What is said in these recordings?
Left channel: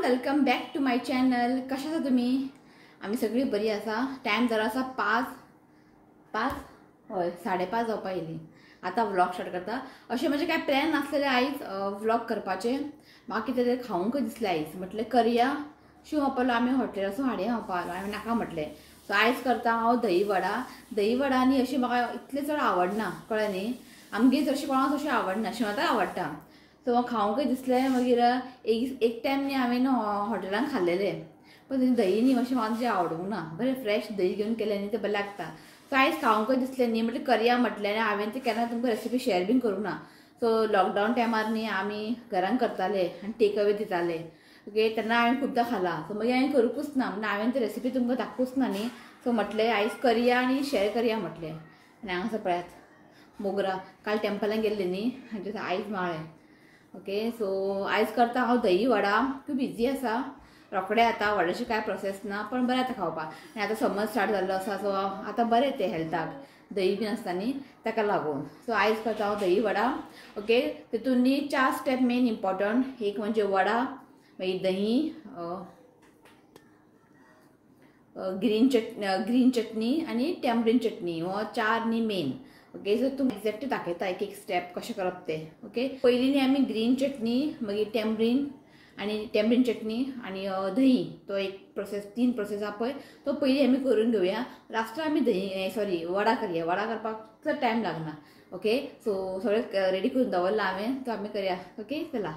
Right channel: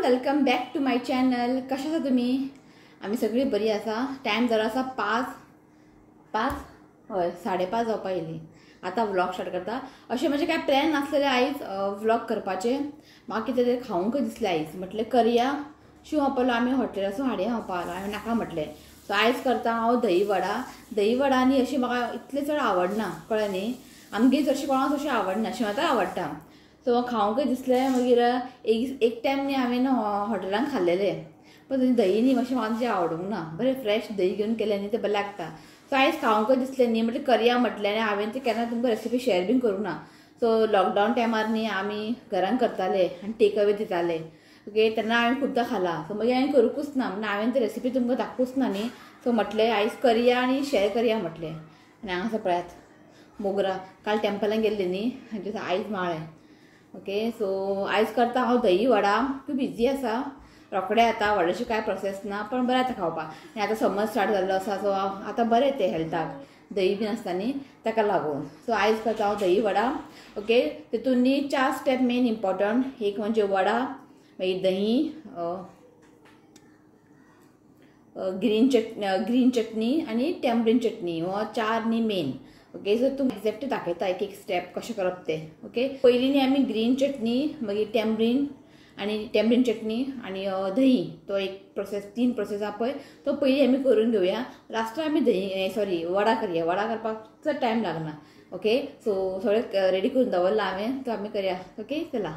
Everyone, welcome back to my channel. कशा आसा तुम्ही? आम्ही सगळी बरी आसा. टाइम जरा आसा 5 हय 5:30 जावपा येयली. आता व्लॉग स्टार्ट करता. अशें म्हणजे काय प्लॅन नासलेले आयज व्लॉग करपाचे. म्हाका कितें तरी खावंक दिसलें आयज. म्हटलें करया. शिव आपलो आमी हॉटेलासून हाडया खावपाक. हांवें नाका म्हटलें. सो आयज करता हांव दही वडा आनी अशी म्हाका इतलें चड आवडना, कळ्ळें न्ही. आमगे चडशें कोणाक तशें आवडना, शिवांताक आवडटा. सो खावंकय दिसलें. मागीर एक टायम न्ही हांवें हॉटेलान खाल्लेलें, पण दही न्ही मातशें म्हाका आवडूंक ना. बरें फ्रेश दही घेवन केलें न्ही तें बरें लागता. सो आयज खावंकय दिसलें न्ही, म्हटलें करया म्हटलें. आनी हांवें तें केन्ना तुमकां रेसिपी शेअर बीन करूंक ना. सो लॉकडावन टायमार न्ही आमी घरान करताले आनी टेक अवे दिताले. ओके, तेन्ना हांवें खुबदां खाला. सो मागीर हांवें करूंकूच ना. म्हणून हांवें ती रेसिपी तुमकां दाखोवच ना न्ही. सो म्हटलें आयज करया आनी शेअर करया म्हटलें. आनी हांगासर पळयात मोगरा. काल टेम्पलान गेल्ली न्ही, आनी आयज माळ्ळें. ओके, सो आयज करता हांव दही वडा. खूब इजी आसा, रोखडे आता. व्हडलेशी काय प्रोसेस ना, पण बरें आता खावपाक. आनी आतां समर स्टार्ट जाल्लो आसा, सो आतां बरें तें हेल्थाक. दही बीन आसता न्ही, ताका लागून. सो आयज करता हांव दही वडा. ओके, तितून न्ही 4 स्टेप मेन इम्पॉर्टंट. एक म्हणजे वडा, मागीर दही, ग्रीन चटणी आनी टॅम्परीन चटणी. हो 4 न्ही मेन. ओके, सो तुम एक्झॅक्ट दाखयता एक स्टेप कशें करप ते. ओके, पयलीं न्ही आमी ग्रीन चटणी, मागीर टॅम्परीन चटणी आनी दही, तो एक प्रोसेस, 3 प्रोसेस आहा पळय, तो पयलीं आमी करून घेवया. लास्टाक आमी वडा करया. वडा करपाक चड टायम लागना. ओके, सो सगळें रेडी करून दवरला हांवें, तो आमी करया. ओके, चला.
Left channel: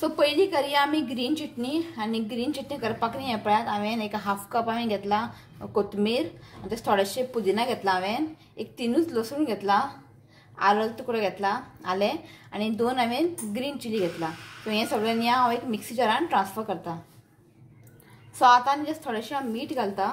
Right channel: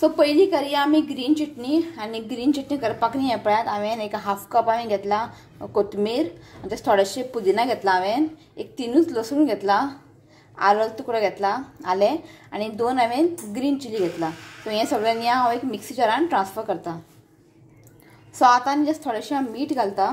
सो पयलीं करया आमी ग्रीन चटणी. आनी ग्रीन चटणी करपाक न्ही हें पळयात, हांवें एक हाफ कप हांवें घेतला कोथमीर, आनी तशें थोडेशें पुदिना घेतला हांवें. एक 3 लसूण घेतला, आलं तुकडो घेतला, आलें, आनी 2 हांवें ग्रीन चिली घेतला. सो हें सगळें न्ही हांव एक मिक्सी जारान ट्रान्सफर करता. सो आतां न्ही जस्ट थोडेशें मीठ घालता.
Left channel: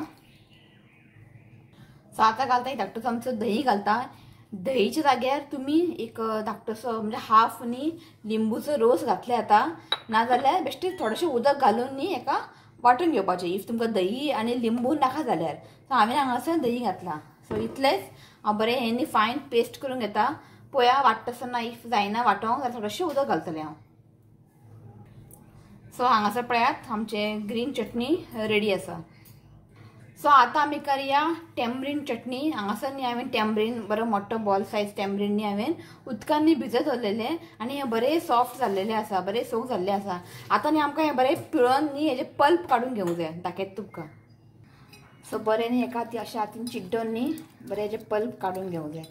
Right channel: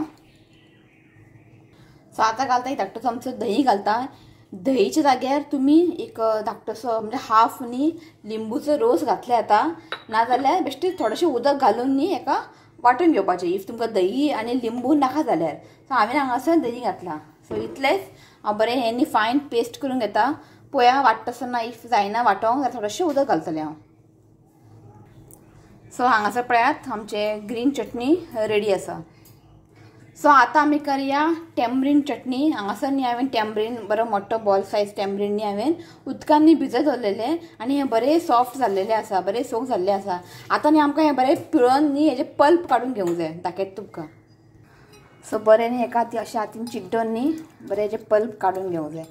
सो आतां घालता एक धाकटो चमचो दही घालता. दहीच्या जाग्यार तुमी एक धाकटोसो म्हणजे हाफ न्ही लिंबूचो रोस घातले आता, नाजाल्यार बेश्टें थोडेशें उदक घालून न्ही एका वांटून घेवपाचें. इफ तुमकां दही आनी लिंबू नाका जाल्यार. सो हांवें हांगासर दही घातला. सो इतलेंच. हांव बरें हें न्ही फायन पेस्ट करून घेता. पळया वांट्टा आसतना इफ जायना वांटोंक जाल्यार थोडेशें उदक घालतलें हांव. सो हांगासर पळयात आमचें ग्रीन चटणी रेडी आसा. सो आतां आमी करया टॅम्परीन चटणी. हांगासर न्ही हांवें टॅम्परीन बरो मोठो बॉल सायज टॅम्परीन न्ही हांवें उदकान न्ही भिजत दवरलेलें, आनी हें बरें सॉफ्ट जाल्लेलें आसा, बरें सोक जाल्लें आसा. आतां न्ही आमकां हें बरें पिळोवन न्ही हेजें पल्प काडून घेवंक जाय. दाखयता तुमकां. सो बरें न्ही एका अशें हातीन चिड्डोन न्ही बरें हेजें पल्प काडून घेवंक जाय.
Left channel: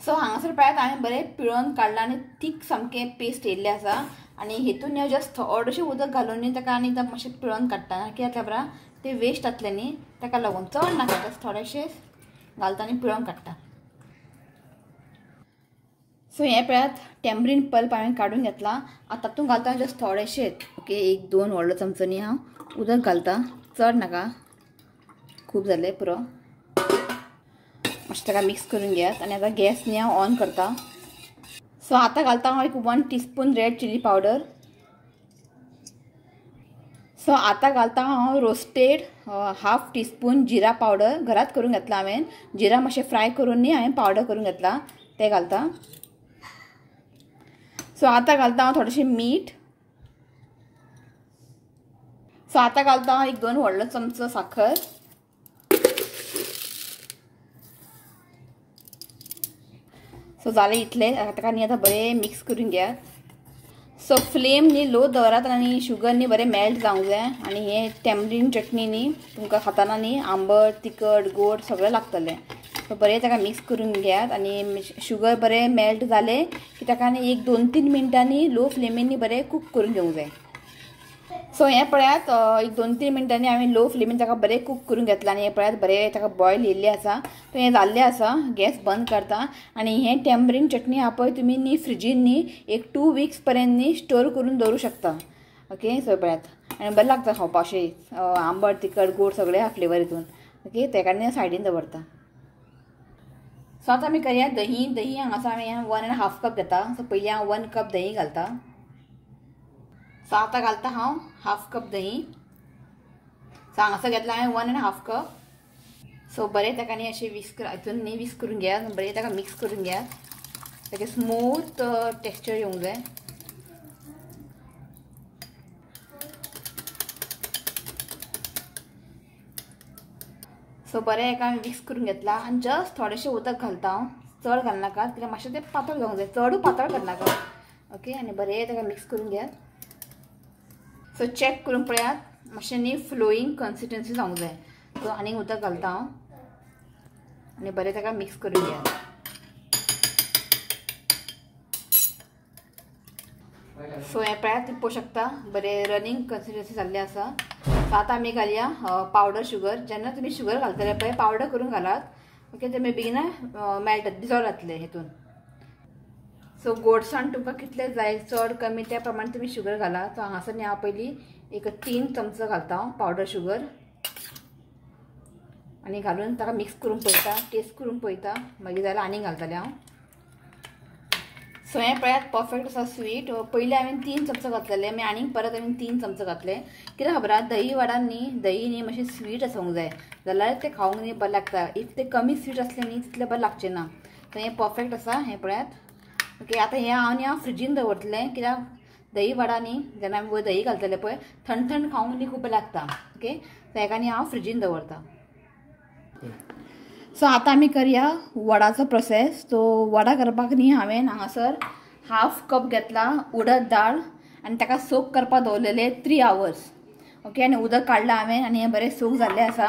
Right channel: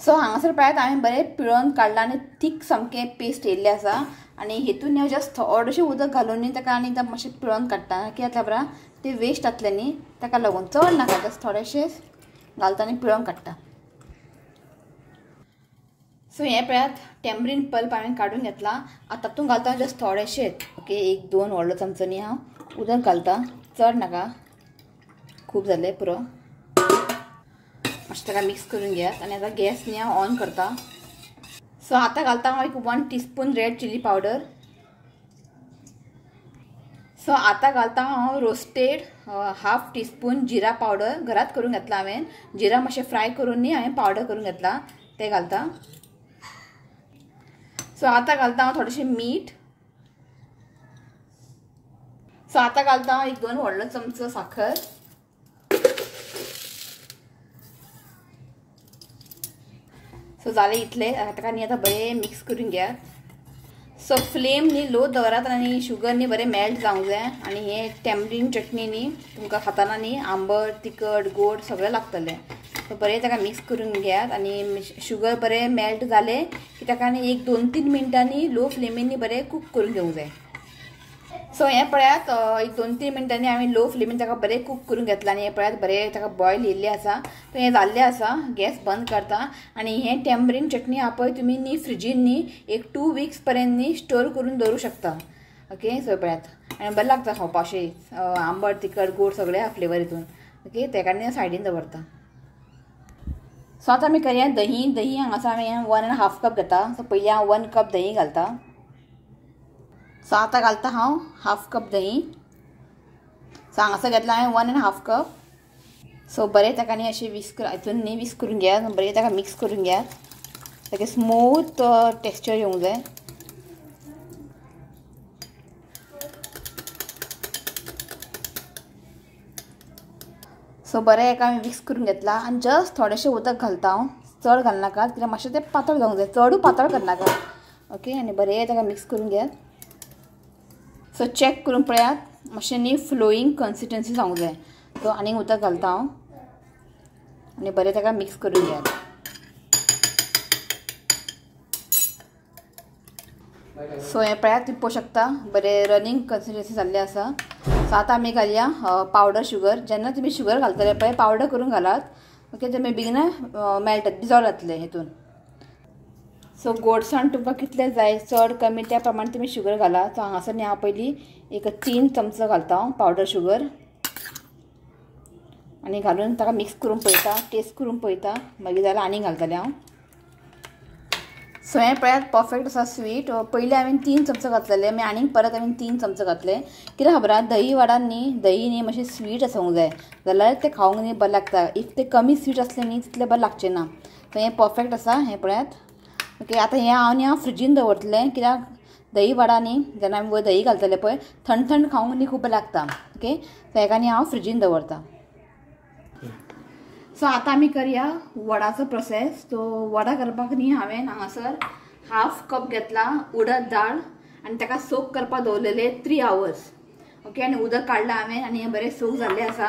सो हांगासर पळयात हांवें बरें पिळोवन काडलां आनी थीक सामकें पेस्ट येयल्लें आसा. आनी हेतून हांव जस्ट थोडेशें उदक घालून न्ही ताका आनी एकदम मातशें पिळोवन काडटा. कित्याक जाल्यार बरा तें वेस्ट जातलें न्ही, ताका लागून चड नाका, जस्ट थोडेशें घालता आनी पिळोवन काडटा. सो हें पळयात टॅम्परीन पल्प हांवें काडून घेतला. आतां तातूंत घालता जस्ट थोडेशेंच. ओके, 1-2 व्हडलो चमचो न्ही हांव उदक घालता. चड नाका, खूब जालें पुरो. मातशें ताका मिक्स करून घेयात. आनी आतां गॅस न्ही हांव ऑन करता. सो आतां घालता हांव एक 1 टीस्पून रेड चिली पावडर. सो आतां घालता हांव रोस्टेड हाफ टीस्पून जिरा पावडर. घरात करून घेतला हांवें. जिरा मातशें फ्राय करून न्ही हांवें पावडर करून घेतला, तें घालता. सो आतां घालता हांव थोडेशें मीठ. सो आतां घालता हांव 1-2 व्हडलो चमचो साखर. सो जालें इतलें. ताका न्ही आतां बरें मिक्स करून घेयात. सो फ्लेम न्ही लो दवरात आनी शुगर न्ही बरें मेल्ट जावंक जाय. आनी हें टॅम्परीन चटणी न्ही तुमकां खाताना न्ही आंबट, तिखट, गोड सगळें लागतलें. सो बरें ताका मिक्स करून घेयात. आनी शुगर बरें मेल्ट जालें की ताका न्ही 1-2-3 मिनटांनी लो फ्लेमीन न्ही बरें कूक करून घेवंक जाय. सो हें पळयात 1-2-3 मिनटांनी हांवें लो फ्लेमीन ताका बरें कूक करून घेतलां. आनी हें पळयात बरें ताका बॉयल येयल्लें आसा. सो हें जाल्लें आसा. गॅस बंद करता. आनी हें टॅम्परीन चटणी आहा पळय तुमी न्ही फ्रिजीन न्ही एक 2 वीक्स पर्यंत न्ही स्टोर करून दवरूं शकता. ओके, सो पळयात आनी बरें लागता खावपाक. अशें आंबट, तिखट, गोड सगळें आहा फ्लेवर हितून. ओके, तेका न्ही सायडीन दवरता. सो आतां आमी करया दही हांगासर हांवें 1.5 कप घेता. सो पयलीं हांव 1 कप दही घालता. सो आतां घालता हांव हाफ कप दही. सो हांगासर घेतला हांवें 1.5 कप. सो बरें ताका न्ही अशें हितून न्ही विस्क करून घेयात. बरें ताका मिक्स करून घेयात. ताका स्मूथ टेक्स्चर येवंक जाय. सो बरें एका मिक्स करून घेतला आनी जस्ट थोडेशें उदक घालता हांव. चड घालनाका कित्याक मातशें तें पातळ जावंक जाय, चडूय पातळ करनाका. ओके, आनी बरें ताका मिक्स करून घेयात. सो चॅक करून पळयात मातशें न्ही फ्लोईंग कन्सिस्टन्सी जावंक जाय. सो आनी उदक घालता हांव आनी बरें ताका मिक्स करून घेयात. सो हें पळयात तुम्ही पळोवंक शकता बरें रनिंग कन्सिस्टन्सी जाल्लें आसा. सो आतां आमी घालया पावडर शुगर. जेन्ना तुमी शुगर घालतले पळय पावडर करून घालात. ओके, ते बेगीन मेल्ट डिजॉल्व जातले हेतून. सो गोडसाण तुमकां कितले जाय चड कमी त्या प्रमाणे तुमी शुगर घाला. सो हांगासर न्ही हांव पयलीं एक 3 चमचो घालता हांव पावडर शुगर आनी घालून ताका मिक्स करून पळयता, टेस्ट करून पळयता, मागीर जाल्यार आनी घालतलें हांव. सो हें पळयात परफेक्ट आसा स्वीट. पयलीं हांवें 3 चमचो घातलेले, मागीर आनीक परत हांवें 3 चमचो घातले. कित्याक खबर आहा दही वडान न्ही दही न्ही मातशें स्वीट आसूंक जाय जाल्यार तें खावंक न्ही बरें लागता. इफ तें कमी स्वीट आसलें न्ही तितलें बरें लागचें ना. सो हें परफेक्ट आसा हें पळयात. ओके, आतां हें हांव फ्रिजीन दवरतलें कित्याक दही वडा न्ही जेन्ना आमी दही घालतले पळय थंड थंड खावंक न्ही खूब बरें लागता. ओके, सो हेका न्ही हांव फ्रिजीन दवरता. सो आतां आमी करया वडाचो प्रोसेस. सो वडा करपाक न्ही हांवें हांगासर 1/2 कप घेतला उडद दाळ आनी ताका सोक करपाक दवरलेले 3 hours. ओके, आनी उदक काडलां हांवें आनी हें बरें सोक जाल्लें आसा.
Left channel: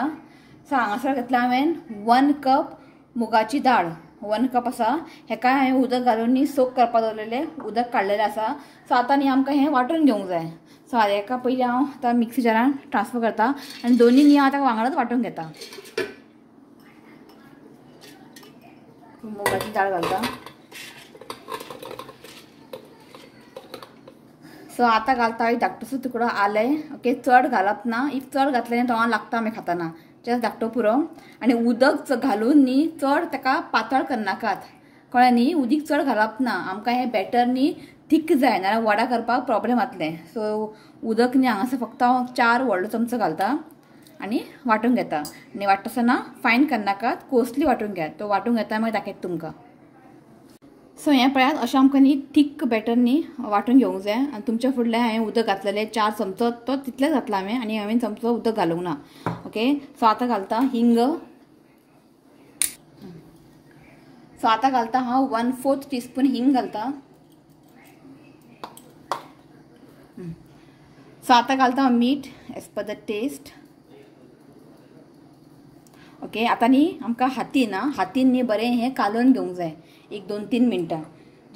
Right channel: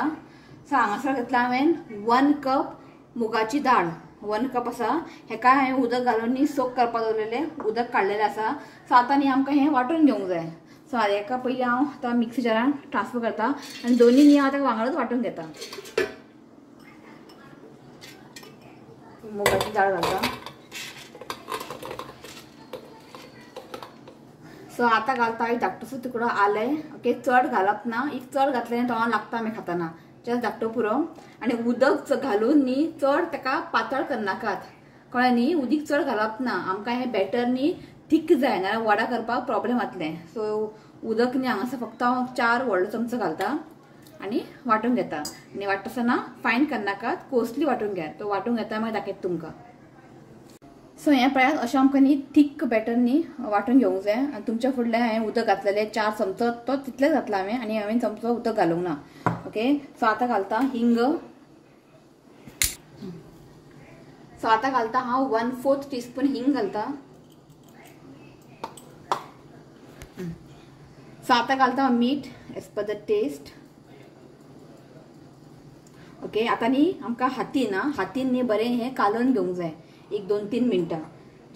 सो हांगासर घेतला हांवें 1 कप मुगाची दाळ. 1 कप आसा. हेका हांवें उदक घालून न्ही सोक करपाक दवरलेलें उदक काडलेलें आसा. सो आतां न्ही आमकां हें वांटून घेवंक जाय. सो हेका पयलीं हांव आतां मिक्सी जारान ट्रान्सफर करता आनी दोनी न्ही हांव ताका वांगडाच वांटून घेता. मुगाची दाळ घालता. सो आतां घालता एक धाकटोसो तुकडो आलें. ओके, चड घालप ना. इफ चड घातलें तोंडाक लागता आमी खाताना. जस्ट धाकटो पुरो आनी उदक घालून न्ही चड ताका पातळ करनाकात. कळ्ळें न्ही, उदीक चड घालप ना. आमकां हें बॅटर न्ही थीक जाय नाल्यार वडा करपाक प्रॉब्लेम जातलें. सो उदक न्ही हांगासर फक्त हांव 4 व्हडलो चमचो घालता आनी वांटून घेता. आनी वांटतासतना फायन करनाकात, कोर्सली वांटून घेयात. तो वांटून घेता मागीर दाखयता तुमकां. सो हें पळयात अशें आमकां न्ही थीक बॅटर न्ही वांटून घेवंक जाय. आनी तुमच्या फुडलें हांवें उदक घातलेलें 4 चमचो तो तितलेंच घातला हांवें आनी हांवें चमचो उदक घालूंक ना. ओके, सो आतां घालता हिंग. सो आतां घालता हांव 1/4 टीस्पून हिंग घालता. सो आतां घालता हांव मीठ as per the test. Okay, आतां न्ही आमकां हातीन न्ही बरें हें कालोवन घेवंक जाय एक 2-3 मिनटां.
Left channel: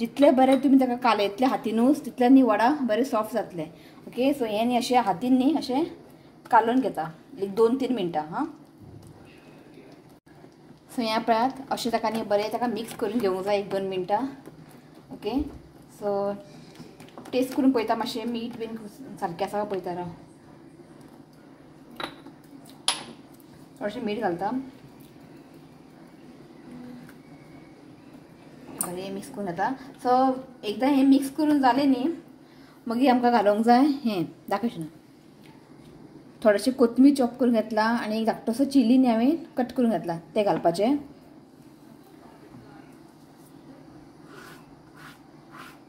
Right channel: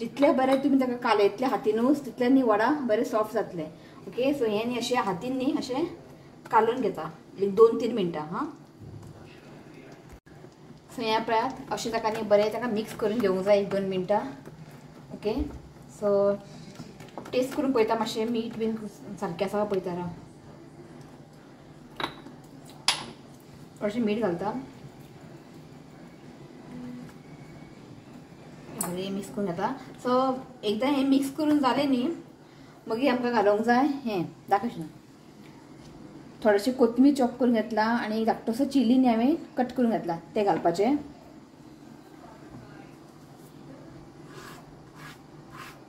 जितलें बरें तुमी ताका कालयतले हातीनूच तितलें न्ही वडा बरें सॉफ्ट जातलें. ओके, सो हें न्ही अशें हातीन न्ही अशें कालोवन घेता एक 2-3 मिनटां. हां, सो हें पळयात अशें ताका न्ही बरें ताका मिक्स करून घेवंक जाय एक 2 मिनटां. ओके, सो टेस्ट करून पळयता मातशें मीठ बीन सारकें आसा पळयता राव. थोडेशें मीठ घालता. बरें मिक्स करून घेता. सो एकदां हें मिक्स करून जालें न्ही मागीर आमकां घालूंक जाय हें दाखयशें थोडेशें कोथमीर चॉप करून घेतला आनी एक धाकटोसो चिली न्ही हांवें कट करून घेतला तें घालपाचें.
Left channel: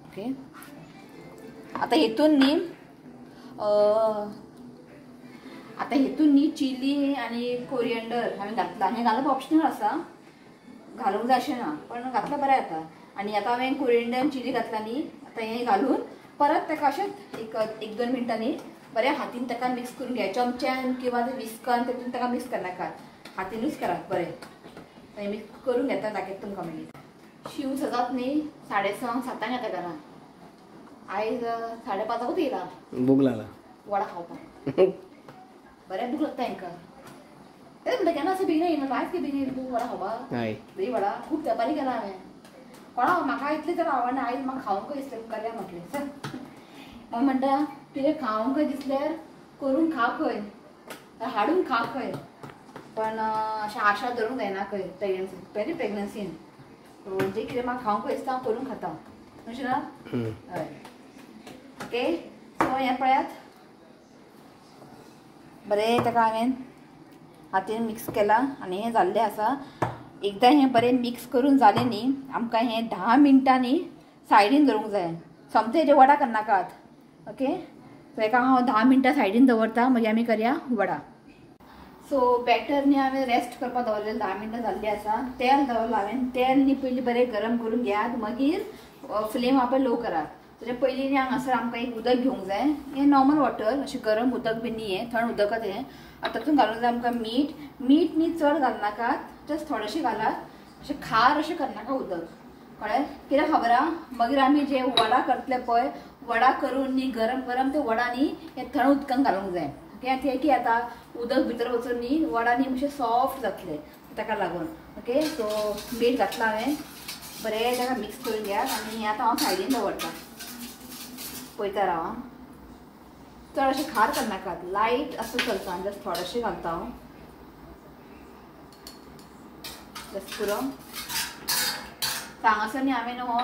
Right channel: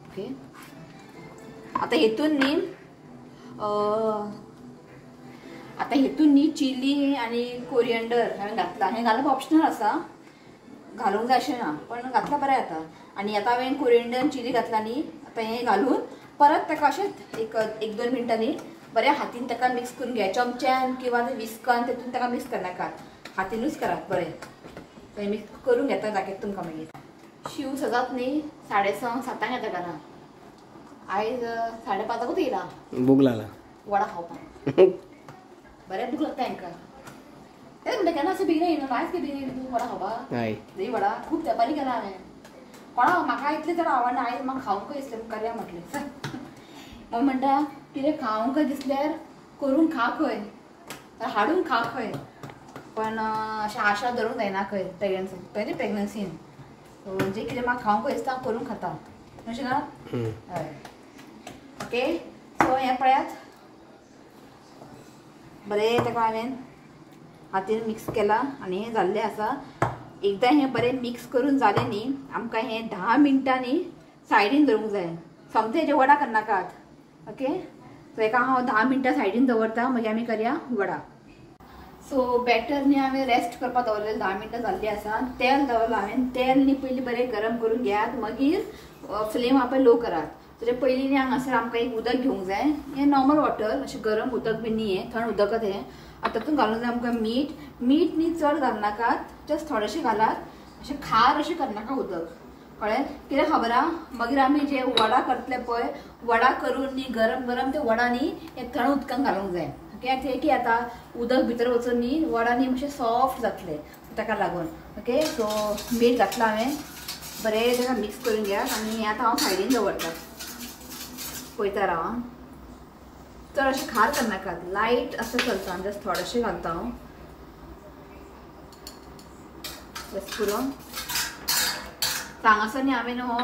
ओके, आतां हेतून न्ही चिली आनी कोरिएंडर हांवें घातला. हें घालप ऑप्शनल आसा, घालूंक जाय अशें ना पण घातल्यार बरें जाता. आनी आतां हांवें कोरिएंडर आनी चिली घातला न्ही आतां हें घालून परत ताका अशेंच एक 1-2 मिनटांनी बरें हातीन ताका मिक्स करून घ्या. चमच्यान किंवा विस्कान तेतून ताका मिक्स करनाकात, हातीनूच करात बरें. हें मिक्स करून घेता दाखयता तुमकां मागीर. शिव सजात न्ही 6:30-7 येता घरा. आयज 5:30 येयला. भूक लागला वडा खावपाक. बरें भूक लागता हांकां. तें म्हणटा केन्ना अशें बेगीन येयना आयज बेगीन येयला तूं वडा खावपाक. दही वडा खूब तेंपानी केला हांवें. कोणा म्हाका इतलें जर आवडना आयज म्हाका खावंक दिसलें करया म्हटलें. मग म्हणटा कितें खावंक दिसल्यार करून खा खंय हाडून खा खंय पण अशें आशा धरूंक जायना खंय प्रेग्नन्सीन. म्हणजे कितें म्हाका खावंक दिसता हांव करून खाता अशें ना. हय, ओके, सो हें पळयात बरें ताका हांवें हातीन मिक्स केला आनी हें जाल्लें आसा. एकदा हें बरें मिक्स करून जालें न्ही आमकां हें 10 मिनटांनी सायडीन दवरूंक जाय. सोमतें हेजे वडा करनाकात. ओके, सो हेका हांव 10 मिनटां सायडीन दवरता, मागीर आमी करया वडा. सो बॅटर न्ही हांवें रेस्ट करपाक दवरलेलें 10 मिनटां जाल्लीं आसा. तेल दवरलां हांवें. तेल न्ही पयलीं बरें गरम करून घेयात, मागीर फ्लेम आपण लो करात. तेजे पयलीं न्ही हांगासर आमकां एक उदक घेवंक जाय. हें नॉर्मल वॉटर, अशें गरम उदक बी न्ही, हें थंड उदकच हें. आतां तातूंत घालूंक जाय आमकां मीठ. मीठ न्ही चड घालनाकात, जस्ट थोडेशें घालात. अशें खार अशें करनाका उदक, कळ्ळें? कित्याक खबर आहा, मागीर आमी जे वडा करतले पळय, वडा करून न्ही गरम गरम ते वडा न्ही हे थंड उदकान घालूंक जाय. ओके, ते की आतां उदक भितर वचून न्ही वडा न्ही मातशे सॉफ्ट जातले, ताका लागून. ओके, सो मीठ घातलां हांवें. बरें ताका मिक्स करून घेयात आनी हें आतां हांव सायडीन दवरतां. पळयता राव आं. चड अशें खार करनाकात, लायट असं चलता, जस्ट थोडेशें घालता हांव. जस्ट पुरो हांगासर न्ही हांवें हो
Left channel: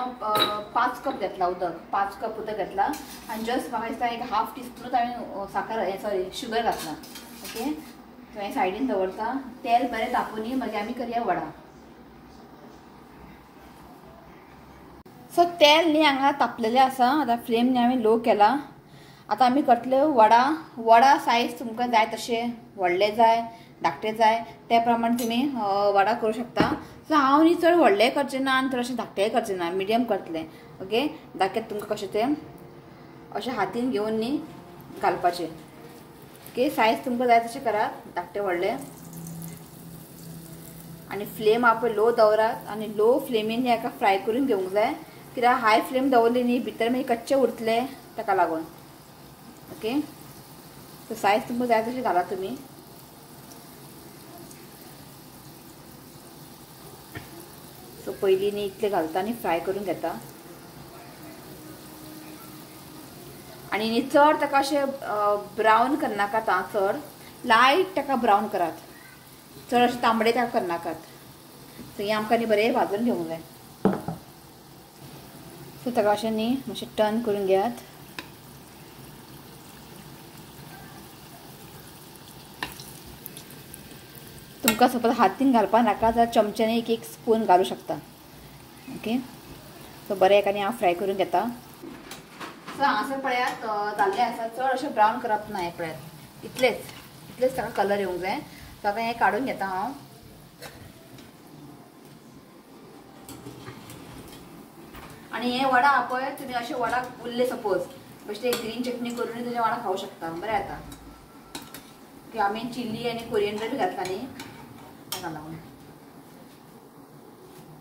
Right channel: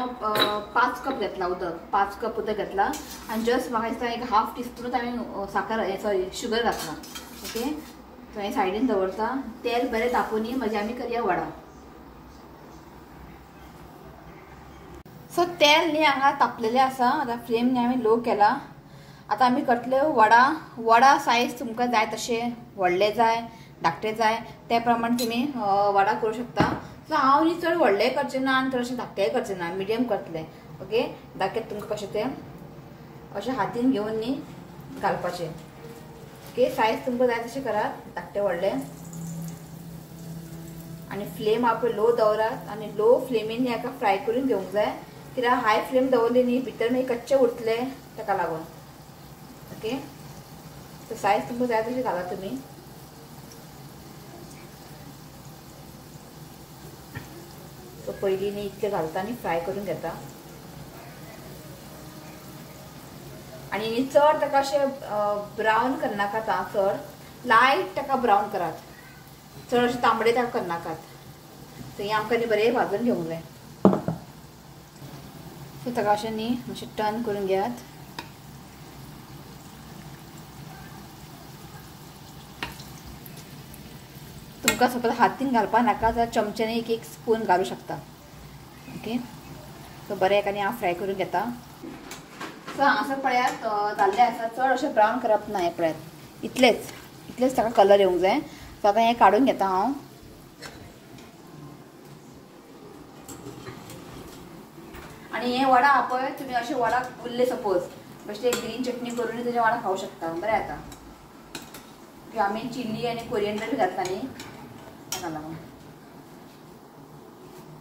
5 कप घेतला उदक, 5 कप उदक घेतला आनी जस्ट म्हाका दिसता एक हाफ टीस्पूनूच हांवें साखर सॉरी शुगर घातला. ओके, सो हें सायडीन दवरता. तेल बरें तापोवनी, मागीर आमी करया वडा. सो तेल न्ही हांगा तापलेलें आसा. आतां फ्लेम न्ही हांवें लो केला. आतां आमी करतले वडा. वडा सायज तुमकां जाय तशें, व्हडले जाय धाकटे जाय ते प्रमाणे तुमी वडा करूं शकता. सो हांव न्ही चड व्हडले करचें ना आनी चड अशें धाकटेय करचें ना, मिडियम करतलें. ओके, दाखयता तुमकां कशें तें. अशें हातीन घेवन न्ही घालपाचें. ओके, सायज तुमकां जाय तशें करात, धाकटे व्हडले. आनी फ्लेम आपण लो दवरात आनी लो फ्लेमीन हेका फ्राय करून घेवंक जाय. कित्याक हाय फ्लेम दवरली न्ही भितर मागीर कच्चे उरतले, ताका लागून. ओके, सो सायज तुमकां जाय तशी घाला तुमी. सो पयलीं न्ही इतले घालता आनी फ्राय करून घेता. आनी न्ही चड ताका अशें ब्रावन करनाकात, चड लायट ताका ब्रावन करात, चड अशें तांबडे ताका करनाकात. सो हें आमकां न्ही बरें भाजून घेवंक जाय. सो ताका अशें न्ही मातशें टर्न करून घेयात. तुमकां सपोज हातीन घालपाक नाका जाल्यार चमच्यान एक स्पून घालूं शकता. ओके, सो बरें एकानी हांव फ्राय करून घेता. सो हांगासर पळयात जाल्लें आसा. चड अशें ब्रावन करप ना. हें पळयात, इतलेच ताका कलर येवंक जाय. सो आतां हें काडून घेता हांव. आनी हें वडा हा पळय, तुमी अशें वडा उरले सपोज बेश्टे ग्रीन चटणी करून तेजे वडा खावं शकता. बरें जाता. की आमी चिली आनी कोरिएंडर बी घातला न्ही ताका लागून.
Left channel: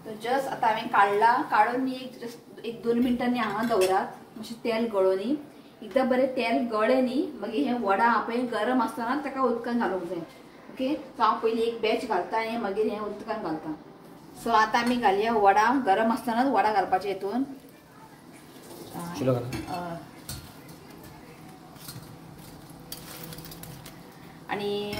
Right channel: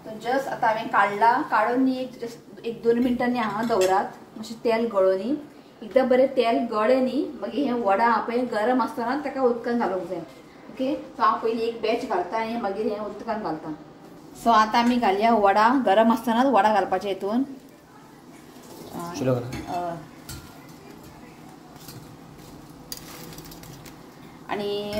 तर जस्ट आतां हांवें काडला. काडून न्ही एक 2 मिनटांनी हांगा दवरात, मातशें तेल गळो न्ही. एकदां बरें तेल गळ्ळें न्ही मागीर हें वडा हा पळय गरम आसतना ताका उदकान घालूंक जाय. ओके, सो हांव पयलीं एक बॅच घालता आनी मागीर हें उदकान घालता. सो आतां आमी घालया वडा. गरम आसतनाच वडा घालपाचें हितून. आनी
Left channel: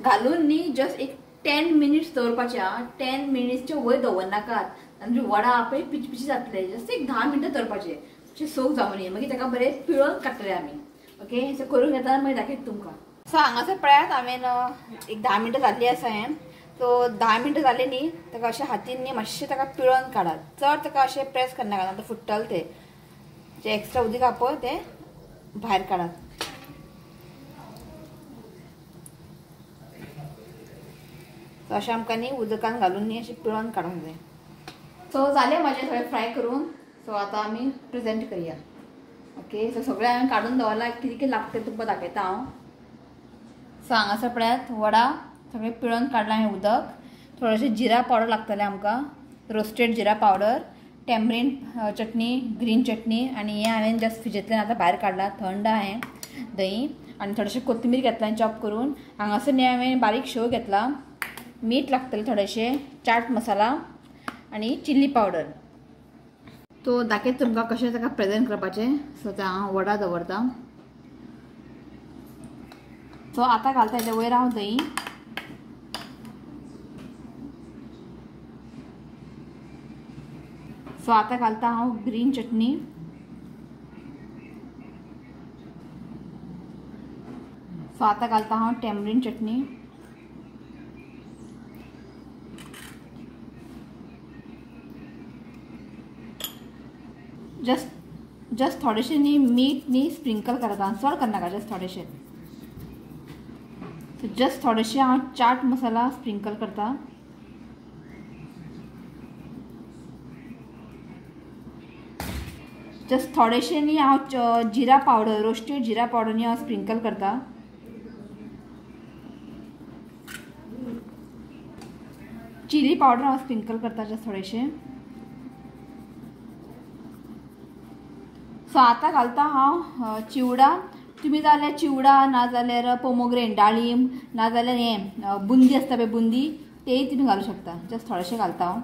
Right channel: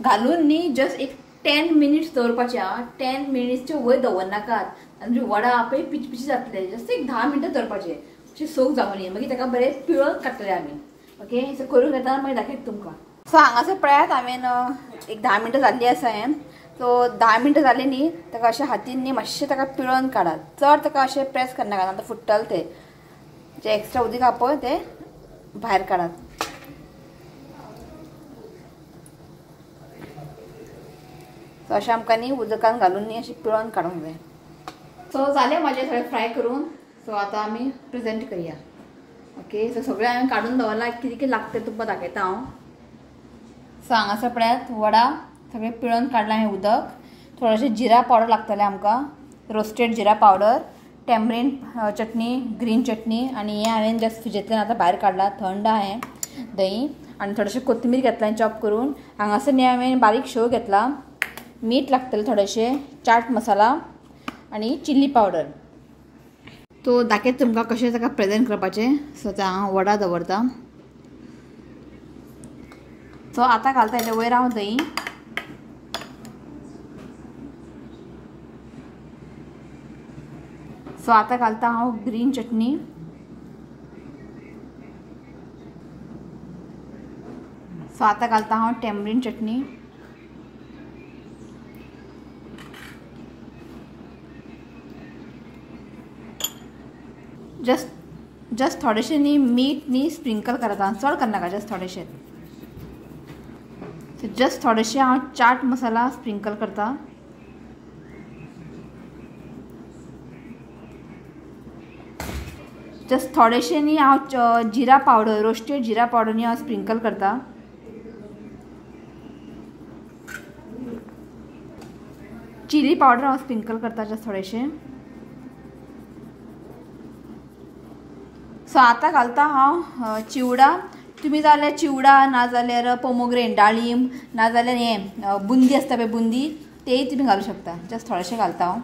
घालून न्ही जस्ट एक 10 मिनिट्स दवरपाचें. 10 मिनिट्सचे वयर दवरनाकात, आनी वडा हा पळय पिचपिची जातले. जस्ट एक 10 मिनटां दवरपाचें, अशें सोक जावं न्ही. मागीर ताका बरें पिळोवन काडटले आमी. ओके, सो करून घेता मागीर दाखयता तुमकां. सो हांगासर पळयात हांवें एक 10 मिनटां जाल्लीं आसा हें. सो 10 मिनटां जालीं न्ही ताका अशें हातीन न्ही मातशें ताका पिळोवन काडात. चड ताका अशें प्रेस करनाकात, आतां फुट्टल तें. जे एक्स्ट्रा उदीक हा पळय तें भायर काडात. सो अशें आमकां न्ही उदकान घालून न्ही अशें पिळोवन काडूंक जाय. सो जालें म्हाजें सगळें फ्राय करून. सो आतां आमी प्रेजेंट करया. ओके, सो सगळें हांवें काडून दवरलां. कितें कितें लागता तुमकां दाखयता हांव. सो हांगासर पळयात वडा सगळें पिळोवन काडलां हांवें उदक. थोडेशें जिरा पावडर लागतलें आमकां, रोस्टेड जिरा पावडर, टॅमरीन चटणी, ग्रीन चटणी आनी हें हांवें जस्ट फ्रिजींतल्यान आतां भायर काडलां. थंड आहा हें दही. आनी थोडेशें कोथमीर घेतलां चॉप करून. हांगासर न्ही हांवें बारीक शेव घेतला. मीठ लागतलें थोडेशें, चाट मसाला आनी चिली पावडर. तो दाखयता तुमकां कशें ताका प्रेजेंट करपाचें. सो आतां हांव वडा दवरता. सो आतां घालता हेजे वयर हांव दही. सो आतां घालता हांव ग्रीन चटणी. सो आतां घालता हांव टॅमरीन चटणी. जस्ट थोडेशे न्ही मीठ न्ही स्प्रिंकल करता, चड करनाका, जस्ट थोडेशे. जस्ट थोडेशे हांव चाट मसाला स्प्रिंकल करता. जस्ट थोडेशे न्ही हांव जिरा पावडर, रोस्टेड जिरा पावडर न्ही हांव स्प्रिंकल करता. चिली पावडर हांव स्प्रिंकल करता जस्ट थोडेशे. सो आतां घालता हांव चिवडा. तुमी जाल्यार चिवडा नाजाल्यार पोमोग्रेनेट डाळिंब नाजाल्यार हें बुंदी आसता पळय बुंदी तेय तुमी घालूं शकता. जस्ट थोडेशें घालता हांव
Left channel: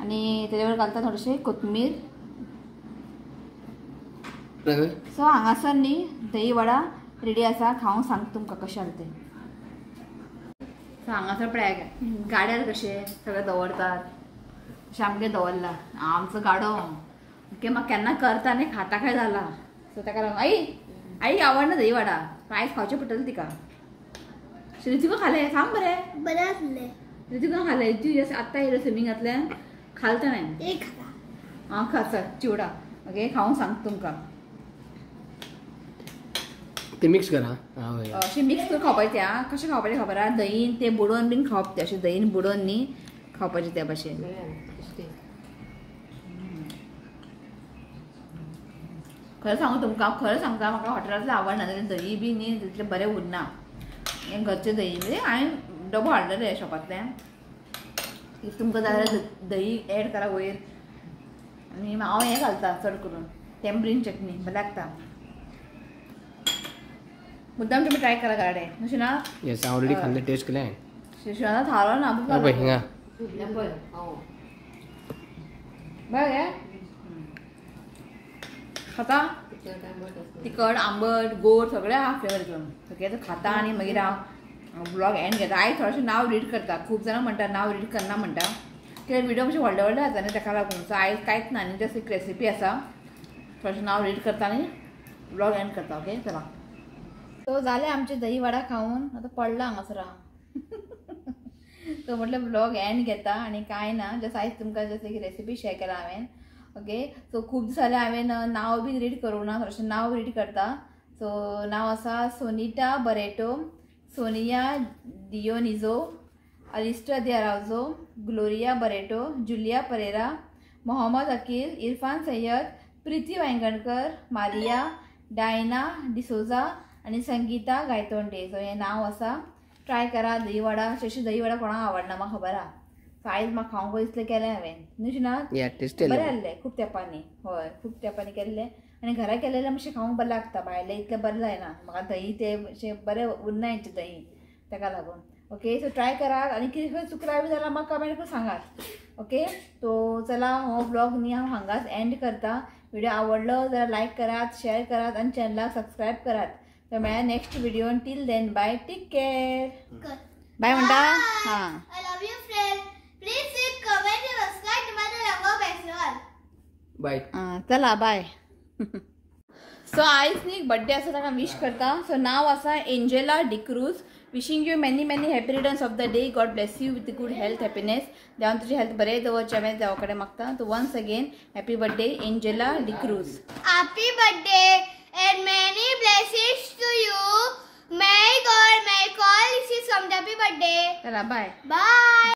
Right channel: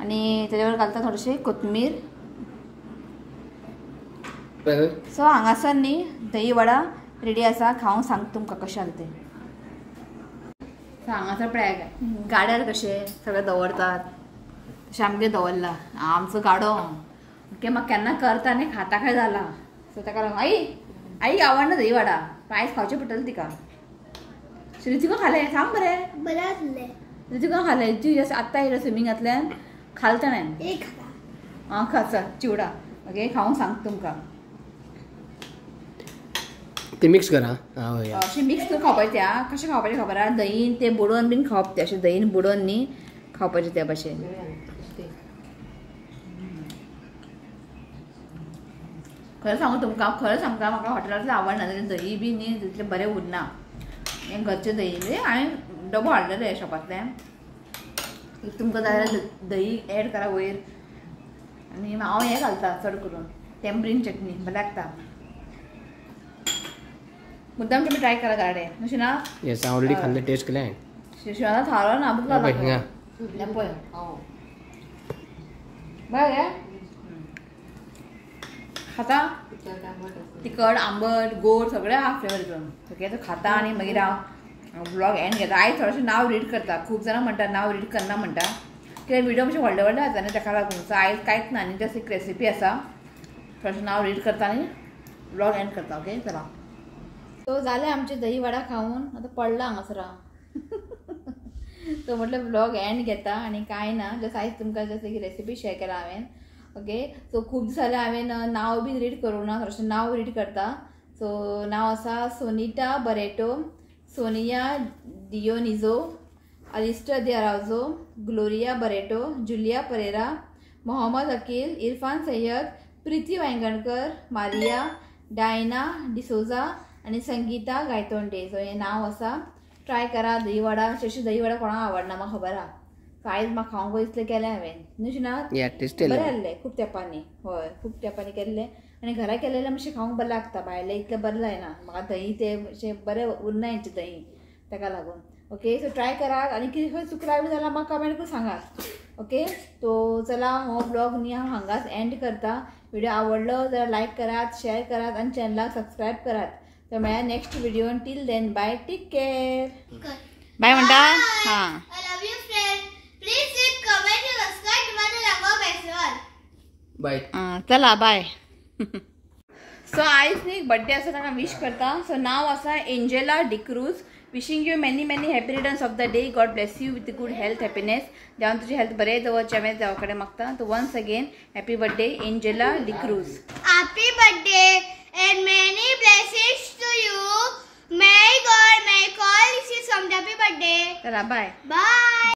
आनी तेजे बरोबर घालता थोडेशें कोथमीर. सो हांगासर न्ही दही वडा रेडी आसा. खावंक सांगता तुमकां कशें जालें तें. सो हांगासर पळय गाड्यार कशें सगळें दवरतात तशें आमगे दवरला आमचो गाडो. ओके म्हाका केन्ना करता आनी खाता काय जाला. सो ताका लागून आई आवडना दही वडा पण आयज खावचें पडटलें तिका. सो ऋतिका खालें सांग बरें. बरें आसलें. ऋतिका खालें. ती आत्तां येयलो स्विमिंगांतल्यान खालें ताणें. एक खा चल चिवडा. ओके खावंक सांगता तुमकां. ते मिक्स करा. अशें मिक्स करून खावपाचें त्या. कशें खावपाचें खबर आहा दहीन तें बुडोवन बीन खावप तें अशें दहीन बुडोवन न्ही खावपाचें त्या भाशेन. खरें सांगू तुमकां खरें सांगता म्हाका हॉटेलांतलें आवडना दही बी न्ही तितलें बरें उरना. हें घरचें दही म्हणजे हांवें डबो हाडलेलें शॉपांतल्यान. तुमकां जाय जाल्यार दही एड करा वयर आनी हांव हें घालता चड करून टेम्परीन चटणी बरें लागता. मुद्दाम तुम्ही ट्राय करा गाडे अशें ना. येस ऑलरेडी खाल्ले टेस्ट केले हांवें. शिशवाला थारो ना बघ पळय हिंगा पळय बरें खाता तिखट आंबट गोड सगळें आहा फ्लेवर करून. ओके खाता आनी मागीर हांव ब्लॉग एंड घेता. आयज थोडेशें नांव रीड करता. खूब जाणां म्हणटा नांव रीड करना म्हणटा कित्याक व्हिडिओ मातशे व्हडले व्हडले जाता न्ही ताका लागून. सो आयज कांयच ना आनी जस्ट एक रेसिपी आसा. थोडेशें नांव रीड करता आनी ब्लॉग एंड करता. ओके चला. तो जालें आमचें दही वडा खावन आतां पडला हांगासर हांव. तो म्हटल्यार ब्लॉग एंड घेता आनी कांय ना. जस्ट आयज तुमकां जस्ट एक रेसिपी शेअर केला हांवें. ओके सो खूब दीस जाले हांवें नांव बी रीड करूंक ना. थोडेशें नांव रीड करता. सो नांव आसा सोनिटा बरेटो, सोनिया डियोनिजो, अलिस्टर दी अराउजो, ग्लोरिया बरेटो, जुलिया परेरा, मोहम्मद अकील, इरफान सय्यद, प्रीती वांयगणकर, मारिया, डायना डिसोजा आनी संगीता गायतोंडे. सो हें नांव आसा. ट्राय करा दही वडा. अशें दही वडा कोणाक आवडना म्हाका खबर आहा. सो आयज म्हाका खावंक दिसलें केलें हांवें न्हू ना. बरें जाल्लें खूब तेंपांनी. हय खूब तेंपांनी केल्लें आनी घरा केलेलें मातशें खावंक बरें लागता. भायलें इतलें बरें जायना म्हाका. दही तें अशें बरें उरना हेंचें दही ताका लागून. ओके सो ट्राय करात आनी कितें खंय चुकलां बी जाल्यार म्हाका कमेंट करून सांगात. ओके तो चला हो ब्लॉग न्ही हांव हांगाच एंड करता. व्हिडिओ आवडलो जाल्यार लायक करात, शेअर करात आनी चॅनलाक सबस्क्रायब करात. तर मेळ्या नेक्स्ट व्हिडिओन. Till then bye. Take care. Bye म्हणटा. हां I love you friend. Please leave comment and subscribe to my channel Festival. Bye. चला बाय. सो आयज न्ही बर्थडे आसा ताका विश करता. सो नांव आसा Angela D'Cruz. Wishing you many many happy returns of the day. God bless you with good health happiness. देवान तुजी हेल्थ बरें दवरचें हांवें देवा कडेन मागता. तो once again happy birthday Angela D'Cruz. Happy birthday and many blessings to you. May God may call this is from happy birthday. चला बाय. Bye.